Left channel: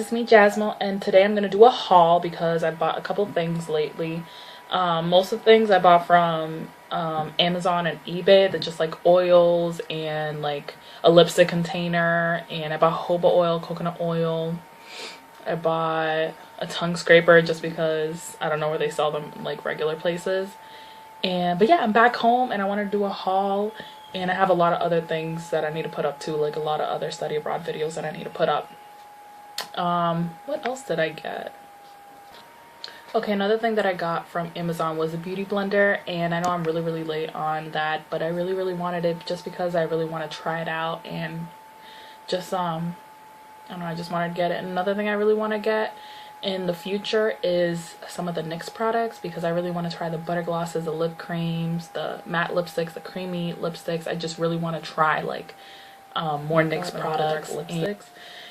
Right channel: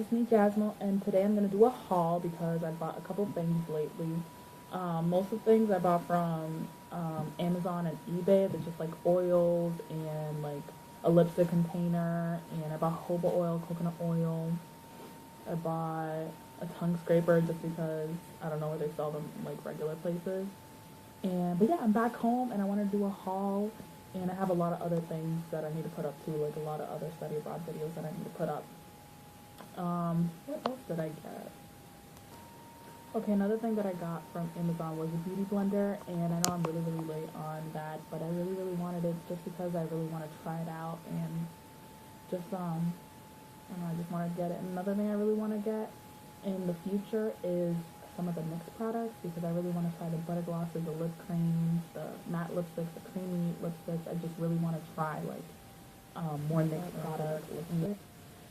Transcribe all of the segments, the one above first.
It's me, Jasmine, and today I'm gonna do a haul because I bought a couple things lately. Most of the things I bought from Amazon and eBay. They're just like oils and like a lipstick container, and I bought jojoba oil, coconut oil. I bought a tongue scraper just because I don't know where they sell them like regular places. But yeah, I'm back home and I want to do a haul, and I have a lot of other things that I need to put up too, like a lot of other study abroad videos that I need to put up. What else did I get? Okay, another thing that I got from Amazon was a beauty blender, and I know I'm really late on that, but I really wanted it just because I really want to try it out, and just I don't know, I just wanted to get it. And another thing I really want to get in the future is some of the NYX products, because I really want to try the butter glosses, the lip creams, the matte lipsticks, the creamy lipsticks. I just really want to try like more NYX products,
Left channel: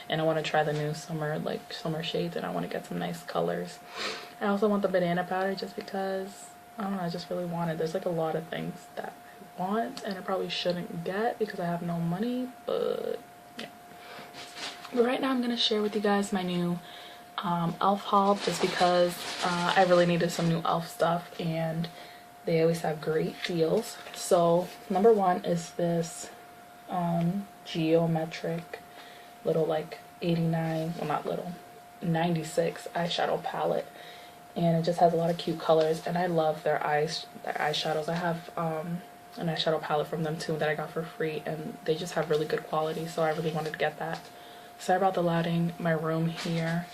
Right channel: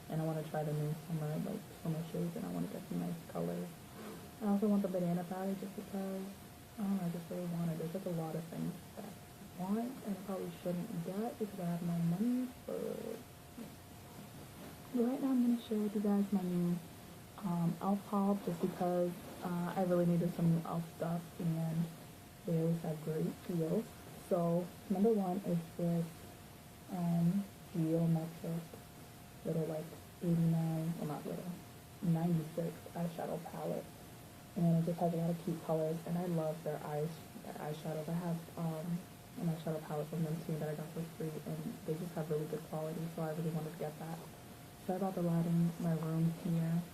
and I want to try the new summer shades, and I want to get some nice colors. I also want the banana powder just because I don't know, I just really want it. There's like a lot of things that I want and I probably shouldn't get because I have no money, but yeah. But right now I'm gonna share with you guys my new E.L.F haul, just because I really needed some new E.L.F stuff and they always have great deals. So number one is this geometric little like 89, well not little, 96 eyeshadow palette, and it just has a lot of cute colors, and I love their eyeshadows. I have an eyeshadow palette from them too that I got for free, and they just have really good quality, so I really wanted to get that. Sorry about the lighting. My room here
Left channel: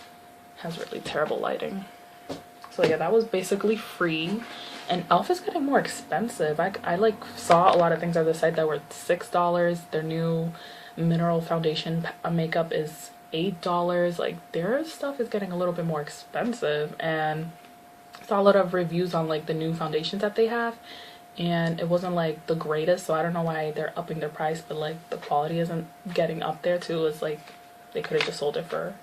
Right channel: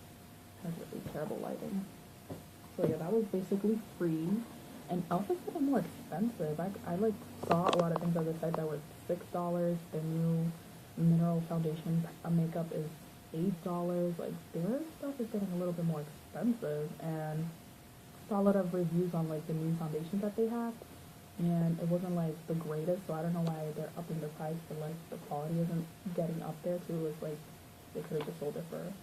has really terrible lighting. So yeah, that was basically free. And E.L.F is getting more expensive. I like saw a lot of things on the site that were $6. Their new mineral foundation makeup is $8. Like their stuff is getting a little bit more expensive, and saw a lot of reviews on like the new foundations that they have, and it wasn't like the greatest, so I don't know why they're upping their price, but like the quality isn't getting up there too. It's like they could have just sold it for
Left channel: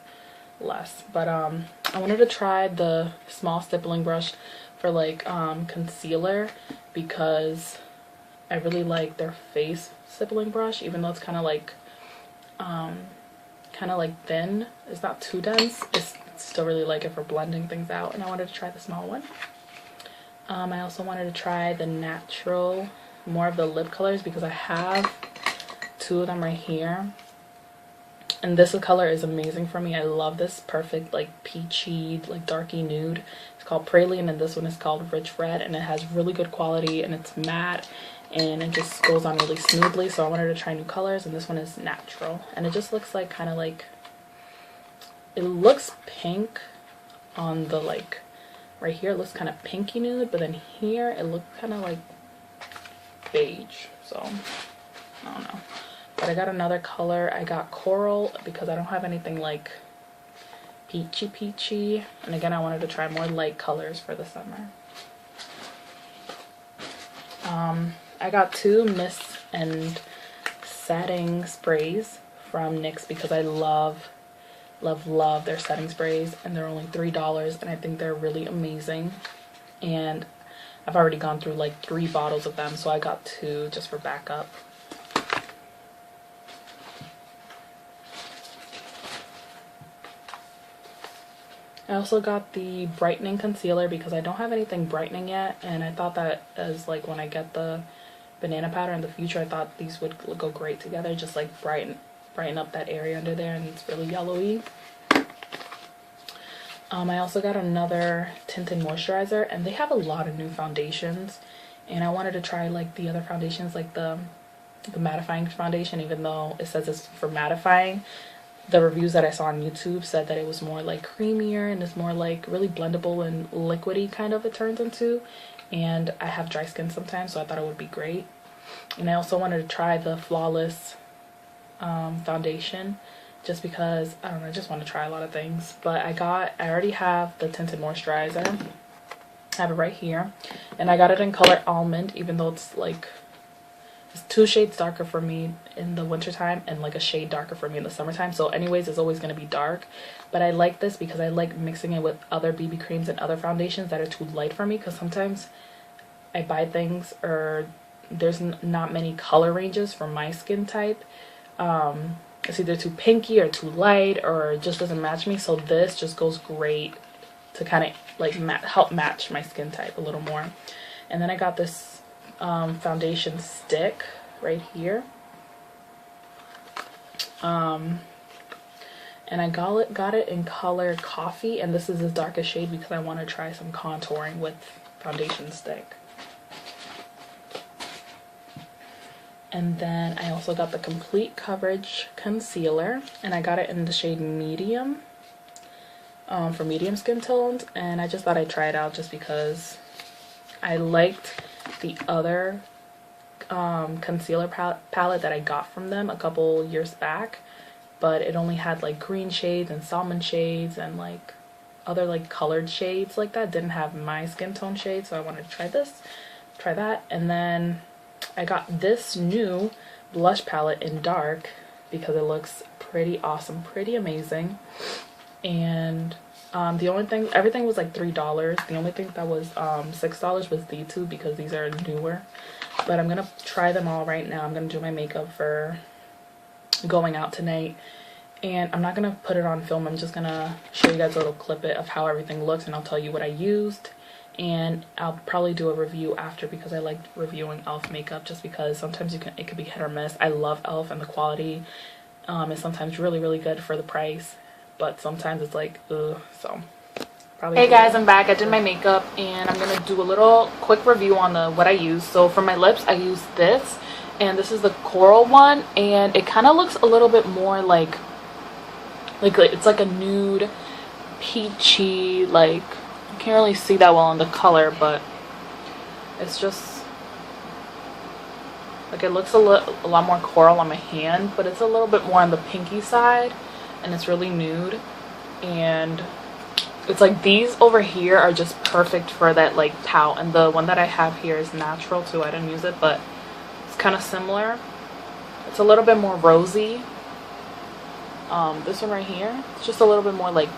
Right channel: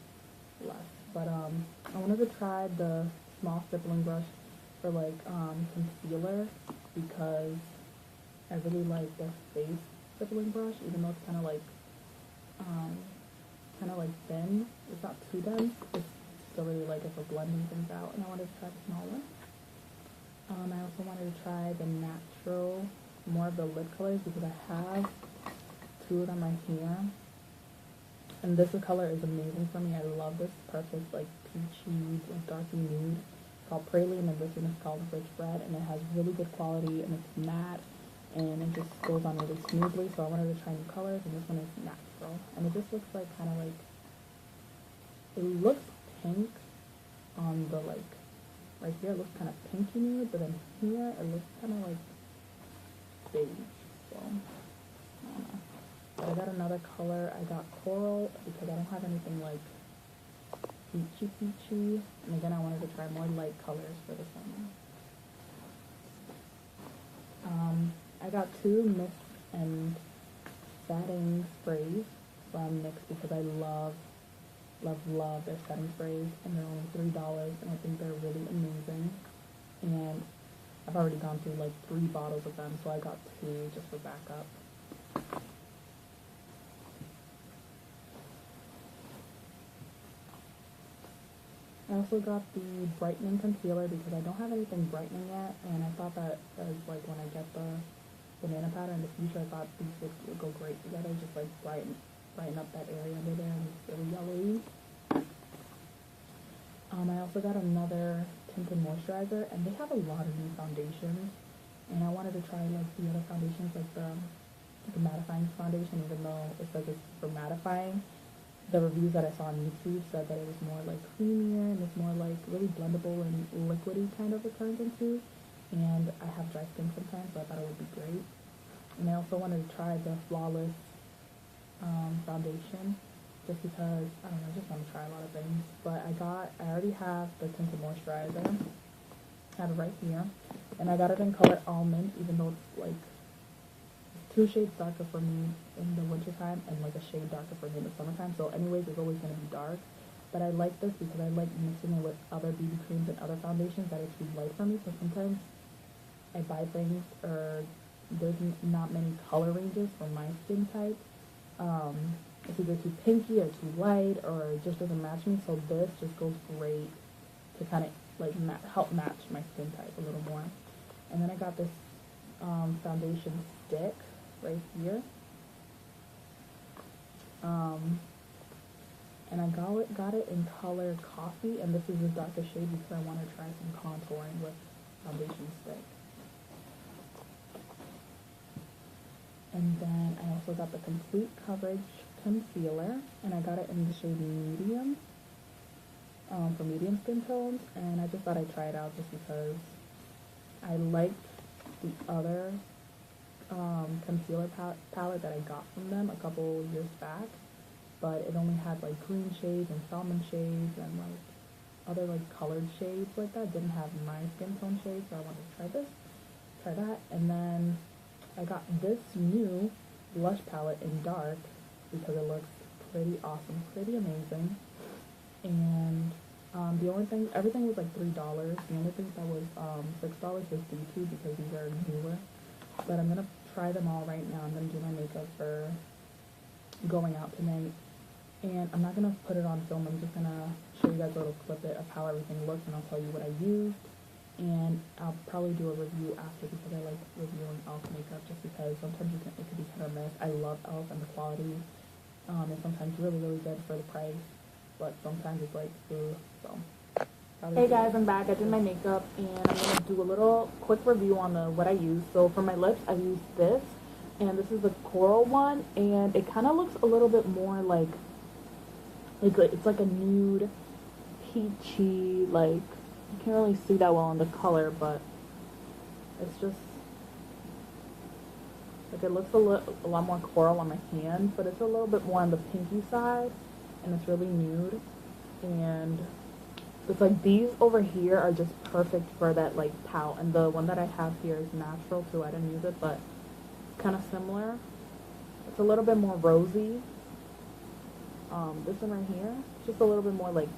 less. But I wanted to try the small stippling brush for like concealer, because I really like their face stippling brush, even though it's kind of like thin. It's not too dense. It's still really like it for blending things out, and I wanted to try the small one. I also wanted to try the natural, more of the lip colors, because I have two of them right here, and this color is amazing for me. I love this perfect like peachy, like darky nude. It's called Praline, and this one is called Rich Red, and it has really good quality, and it's matte, and it just goes on really smoothly. So I wanted to try new colors, and this one is natural, and it just looks like kind of like, it looks pink on the like right here, it looks kind of pinky nude, but then here it looks kind of like beige. So I don't know, but I got another color. I got coral because I don't have anything like peachy, and again I wanted to try more light colors for the summer. I got two mist and setting sprays from NYX because I love their setting sprays, and they're only $3, and I think they're really amazing, and I've already gone through like 3 bottles of them, so I got 2 just for backup. I also got the brightening concealer because I don't have anything brightening yet, and I thought that as like when I get the banana powder in the future, I thought these would go great together, just like brighten up that area under there, and it's really yellowy. I also got another tinted moisturizer, and they have a lot of new foundations, and I wanted to try like the other foundations, like the mattifying foundation, even though it says it's for mattifying. The reviews that I saw on YouTube said that it was more like creamier, and it's more like really blendable and liquidy kind of, it turns into, and I have dry skin sometimes, so I thought it would be great. And I also wanted to try the Flawless foundation, just because I don't know, I just want to try a lot of things. But I already have the tinted moisturizer. I have it right here, and I got it in color almond, even though it's like, it's 2 shades darker for me in the wintertime and like a shade darker for me in the summertime. So anyways, it's always going to be dark. But I like this because I like mixing it with other BB creams and other foundations that are too light for me, because sometimes I buy things or there's not many color ranges for my skin type. it's either too pinky or too light, or it just doesn't match me. So this just goes great to kind of like help match my skin type a little more. And then I got this foundation stick right here. And I got it in color coffee, and this is the darkest shade because I want to try some contouring with foundation stick. And then I also got the complete coverage concealer, and I got it in the shade medium, for medium skin tones. And I just thought I'd try it out just because I liked the other concealer palette that I got from them a couple years back, but it only had like green shades and salmon shades and like other like colored shades like that. It didn't have my skin tone shade, so I wanted to try that. And then I got this new blush palette in dark because it looks pretty awesome, pretty amazing. And the only thing, everything was like $3. The only thing that was $6 was these two because these are newer. But I'm gonna try them all right now. I'm gonna do my makeup for going out tonight, and I'm not gonna put it on film. I'm just gonna show you guys a little clip of how everything looks, and I'll tell you what I used. And I'll probably do a review after because I like reviewing E.L.F makeup just because sometimes it could be hit or miss. I love E.L.F and the quality is sometimes really, really good for the price, but sometimes it's like, ugh. So probably. Hey guys, I'm back. I did my makeup, and I'm gonna do a little quick review on what I used. So for my lips, I used this, and this is the coral one, and it kind of looks a little bit more like it's like a nude peachy, like, you can't really see that well in the color, but it's just like it looks a lot more coral on my hand, but it's a little bit more on the pinky side, and it's really nude. And it's like these over here are just perfect for that like pout, and the one that I have here is natural too. I didn't use it, but it's kind of similar. It's a little bit more rosy. This one right here, it's just a little bit more like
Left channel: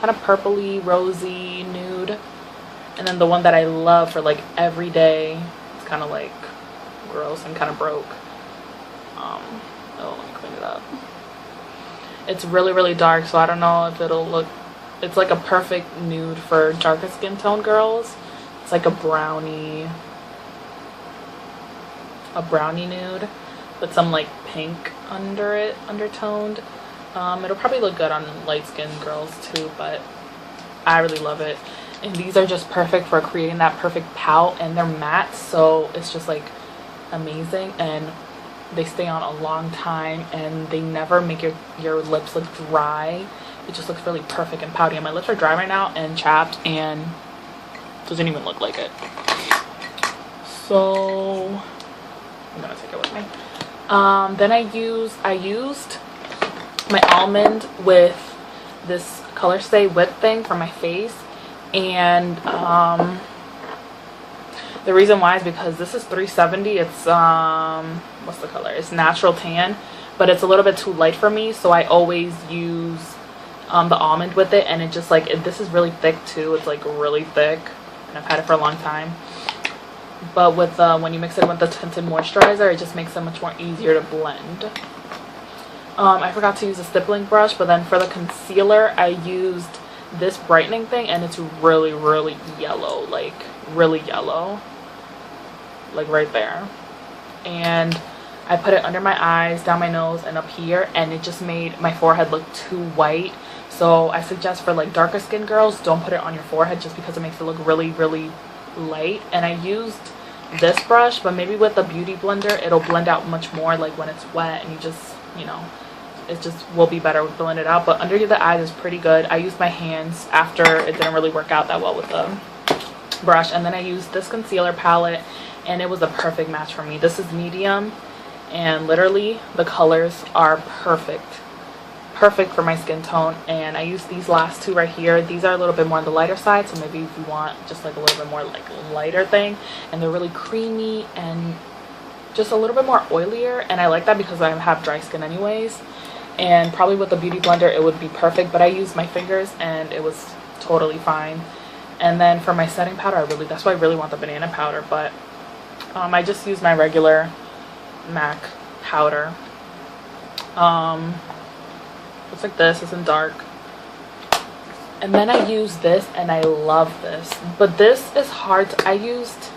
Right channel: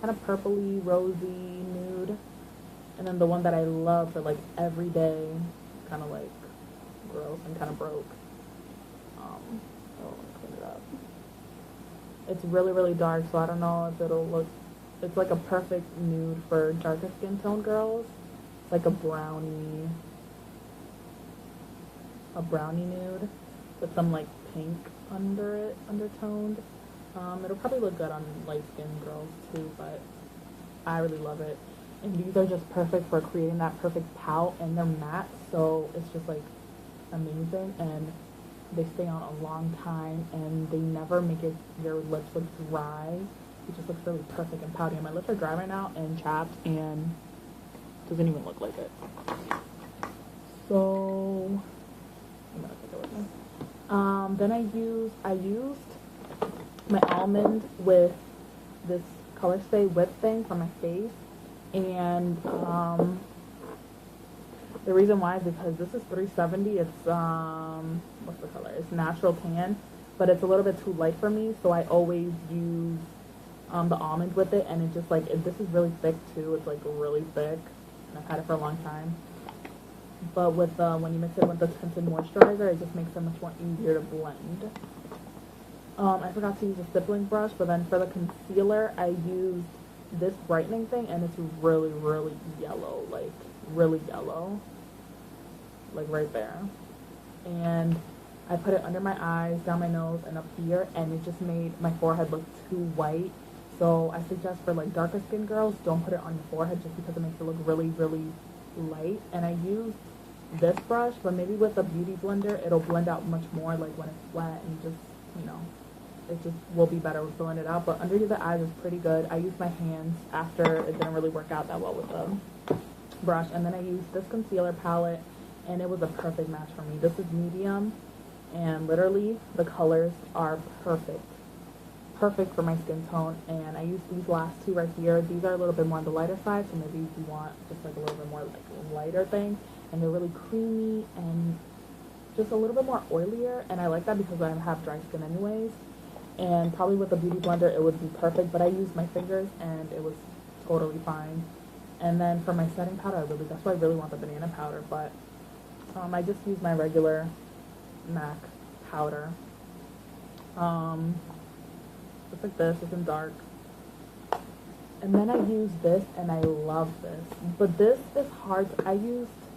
kind of purpley, rosy, nude. And then the one that I love for like every day, it's kind of like gross and kind of broke. Oh, let me clean it up. It's really, really dark, so I don't know if it'll look, it's like a perfect nude for darker skin tone girls. It's like a brownie nude with some like pink under it, undertoned. It'll probably look good on light skinned girls too, but I really love it. And these are just perfect for creating that perfect pout, and they're matte, so it's just like amazing, and they stay on a long time, and they never make your lips look dry. It just looks really perfect and pouty. And my lips are dry right now and chapped, and doesn't even look like it. So I'm gonna take it with me. Then I used my almond with this Color Stay whip thing for my face, and the reason why is because this is $3.70. It's what's the color? It's natural tan, but it's a little bit too light for me, so I always use the almond with it. And it just like this is really thick too. It's like really thick, and I've had it for a long time. But with when you mix it with the tinted moisturizer, it just makes it much more easier to blend. I forgot to use a stippling brush, but then for the concealer, I used this brightening thing, and it's really, really yellow, like really yellow, like right there. And I put it under my eyes, down my nose, and up here, and it just made my forehead look too white. So I suggest for like darker skin girls, don't put it on your forehead just because it makes it look really, really light. And I used this brush, but maybe with a beauty blender, it'll blend out much more like when it's wet, and you just, you know, it just will be better with blending it out. But under the eyes is pretty good. I used my hands after it didn't really work out that well with the brush. And then I used this concealer palette, and it was a perfect match for me. This is medium, and literally the colors are perfect for my skin tone. And I used these last two right here. These are a little bit more on the lighter side, so maybe if you want just like a little bit more like lighter thing. And they're really creamy and just a little bit more oilier, and I like that because I have dry skin anyways. And probably with a beauty blender it would be perfect, but I used my fingers and it was totally fine. And then for my setting powder, that's why I really want the banana powder, but I just used my regular MAC powder. Looks like this. It's in dark. And then I use this, and I love this. But this is hard I used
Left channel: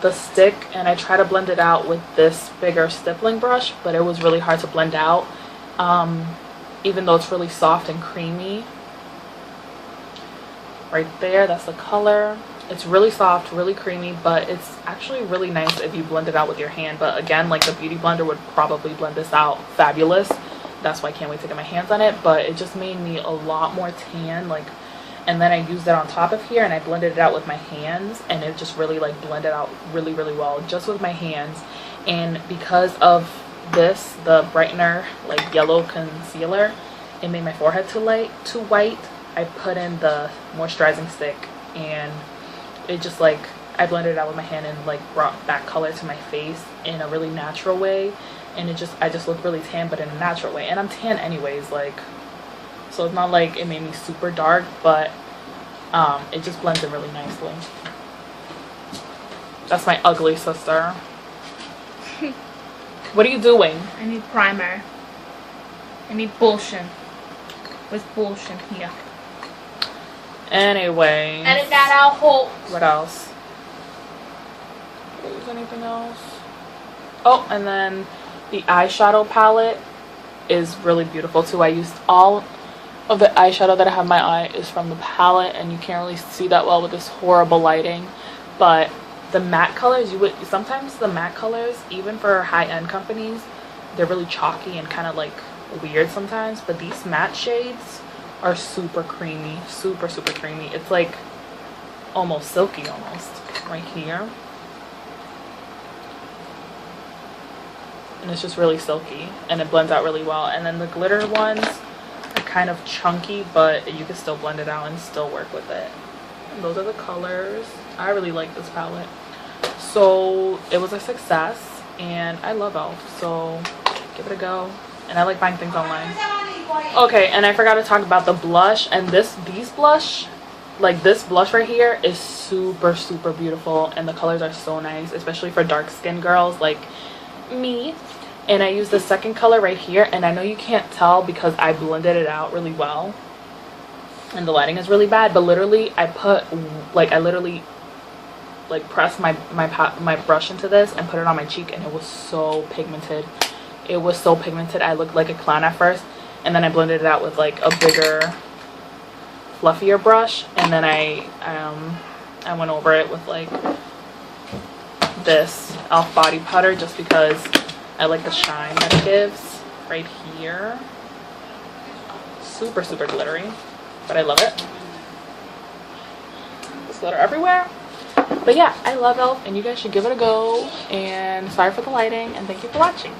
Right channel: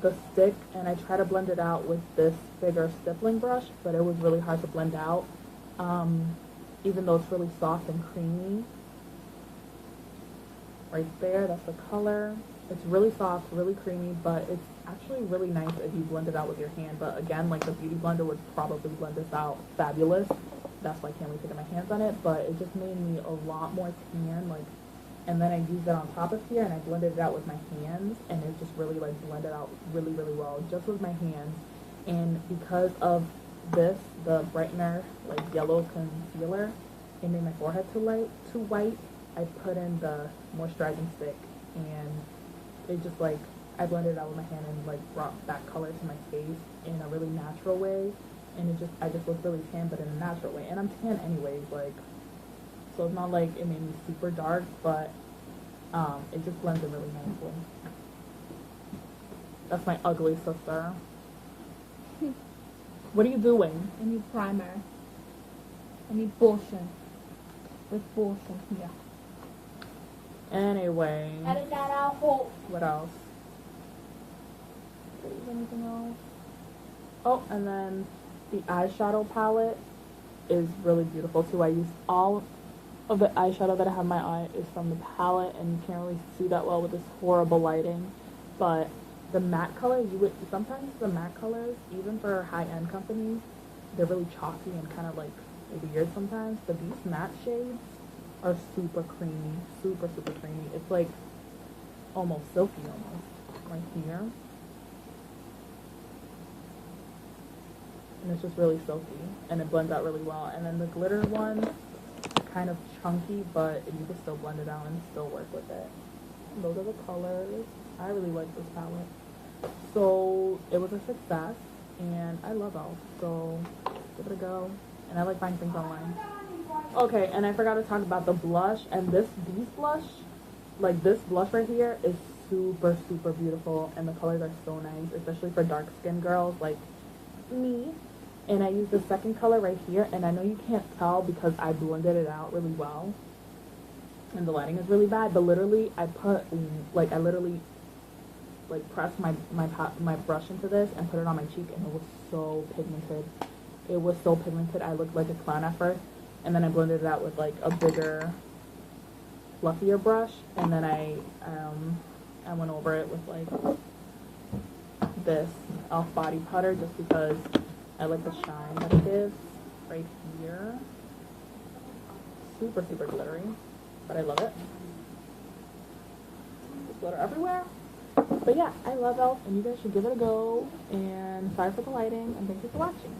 the stick, and I try to blend it out with this bigger stippling brush, but it was really hard to blend out, even though it's really soft and creamy. Right there, that's the color. It's really soft, really creamy, but it's actually really nice if you blend it out with your hand. But again, like, the beauty blender would probably blend this out fabulous. That's why I can't wait to get my hands on it. But it just made me a lot more tan, like, and then I used it on top of here, and I blended it out with my hands, and it just really, like, blended out really, really well just with my hands. And because of this, the brightener, like, yellow concealer, it made my forehead too white. I put in the moisturizing stick, and it just, like, I blended it out with my hand and, like, brought back color to my face in a really natural way. And I just look really tan, but in a natural way. And I'm tan anyways, like, so it's not like it made me super dark, but it just blends in really nicely. That's my ugly sister. What are you doing? I need primer. I need bullshit. Where's bullshit here? Anyway. Edit that out, Holt. What else? Is anything else? Oh, and then the eyeshadow palette is really beautiful too. I used all of the eyeshadow that I have in my eye is from the palette, and you can't really see that well with this horrible lighting. But the matte colors, sometimes the matte colors, even for high-end companies, they're really chalky and kind of like weird sometimes. But these matte shades are super creamy, super creamy. It's like almost silky, almost right here. And it's just really silky, and it blends out really well. And then the glitter ones are kind of chunky, but you can still blend it out and still work with it. And those are the colors. I really like this palette. So it was a success, and I love E.L.F, so give it a go. And I like buying things online. Okay, and I forgot to talk about the blush. And these blush, like this blush right here, is super beautiful, and the colors are so nice, especially for dark skinned girls like me. And I use the second color right here, and I know you can't tell because I blended it out really well and the lighting is really bad, but literally I literally pressed my brush into this and put it on my cheek, and it was so pigmented. It was so pigmented. I looked like a clown at first, and then I blended it out with like a bigger, fluffier brush, and then I went over it with like this E.L.F body powder just because I like the shine that it gives right here. Super glittery, but I love it. There's glitter everywhere. But yeah, I love E.L.F, and you guys should give it a go. And sorry for the lighting, and thank you for watching.